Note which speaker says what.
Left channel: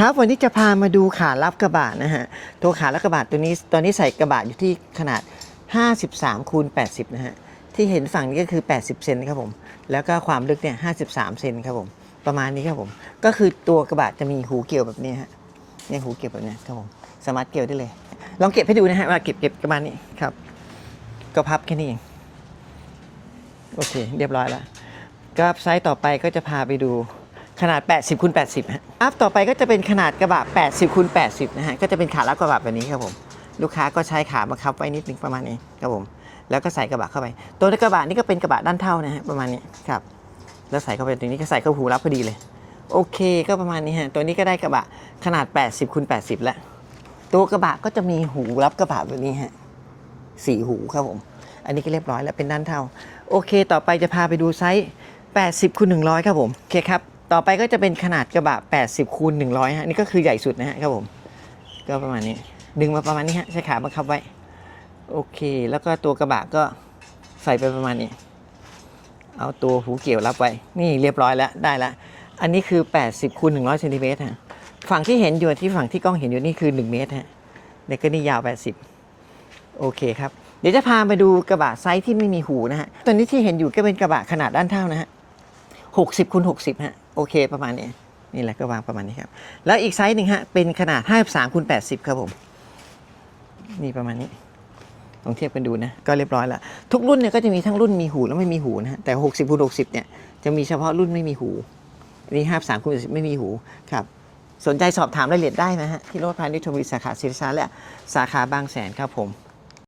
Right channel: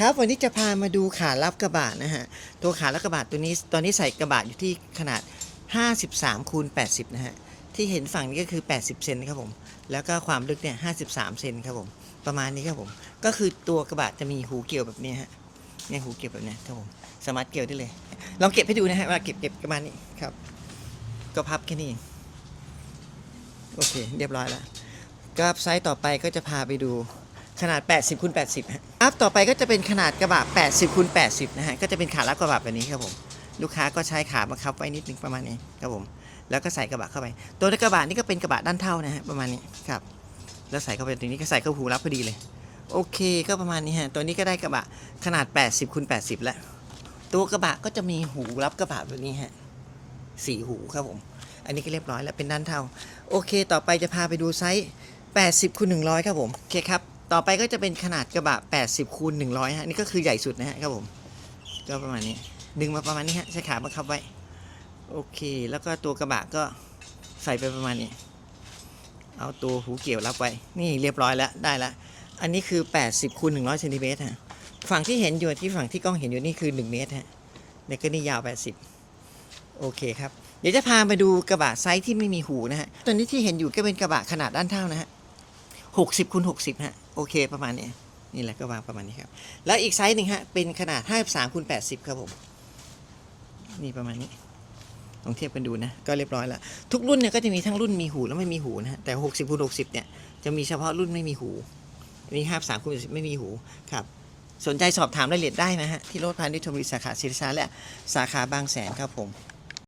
Speaker 1: ครับวันนี้จะพามาดูขารับกระบะนะฮะตัวขารับกระบะตัวนี้ตอนนี้ใส่กระบะอยู่ที่ขนาด 53คูณ80 นะฮะที่เห็นฝั่งนี้ก็คือ 80 เซนครับผม แล้วก็ความลึกเนี่ย 53 เซนครับผม ประมาณนี้ครับผม ก็คือตัวกระบะจะมีหูเกี่ยวแบบนี้ฮะเนี่ยหูเกี่ยวแบบนี้ครับผมสามารถเกี่ยวได้เลย ลองเก็บให้ดูนะฮะว่าเก็บเก็บประมาณนี้ครับ ก็พับแค่นี้เองโอเค เรียบร้อยแล้วก็ไซส์ต่อไปก็จะพาไปดู ขนาด 80คูณ80ฮะครับต่อไปก็จะเป็นขนาดกระบะ 80คูณ80 นะฮะ ก็จะเป็นขารับกระบะแบบนี้ครับผม ลูกค้าก็ใช้ขามาคับไว้นิดนึงประมาณนี้ครับผม แล้วก็ใส่กระบะเข้าไป ตัวกระบะนี่ก็เป็นกระบะด้านเท่านะฮะประมาณนี้ครับ แล้วใส่เข้าไปตรงนี้ก็ใส่เข้าหูรับพอดีเลย โอเคก็ประมาณนี้ฮะ ตัวนี้ก็ได้กระบะขนาด 80คูณ80 แล้ว ตัวกระบะก็จะมีหูรับกระบะแบบนี้ฮะสี่หูครับผม อันนี้ก็เรียบร้อยแล้วเป็นด้านเท่า โอเค ต่อไปจะพาไปดูไซส์80คูณ100 ครับผม โอเคครับ ต่อไปก็จะเป็นขนาดกระบะ 80คูณ100ฮะนี่ก็คือใหญ่สุดนะฮะครับผม ก็ประมาณนี้ ดึงมาประมาณนี้ฮะใช้ขาบังคับไว้ โอเค แล้วก็ตัวกระบะก็ใส่ไปประมาณนี้ เอาตัวหูเกี่ยวรับไว้ นี่เรียบร้อยแล้วได้ล้วอันนี้คือ 80คูณ100เซนติเมตรฮะ ฝั่งที่เห็นอยู่ที่ฝั่งที่กล้องเห็นอยู่นี่คือ 1 เมตรฮะนี่ก็นี่ยาว 80 โอเคครับ เดี๋ยวจะพามาดูกระบะไซส์ที่ไม่มีหูนะฮะ ตัวนี้ที่เห็นอยู่ก็เป็นกระบะขนาดด้านเท่านะฮะ60คูณ60ฮะ โอเคประมาณนี้นี่แหละก็วางประมาณนี้ครับ แล้วอีกไซส์หนึ่งฮะเป็นขนาด 53คูณ80 ครับผม นี่ประมาณนี้ลองเทียบกันดูนะ ก็เรียบร้อยแล้ว ทุกรุ่นเนี่ยก็จะมีทั้งรุ่นมีหูและไม่มีหูนะฮะแต่ 60คูณ60 เนี่ยจะมีเฉพาะรุ่นไม่มีหูอันนี้53คูณ80ไม่มีหูครับสนใจสอบถามรายละเอียดได้นะฮะที่รถพาณิชย์ชมบุรีสาขาศิริสาและสาขาบางแสนครับผม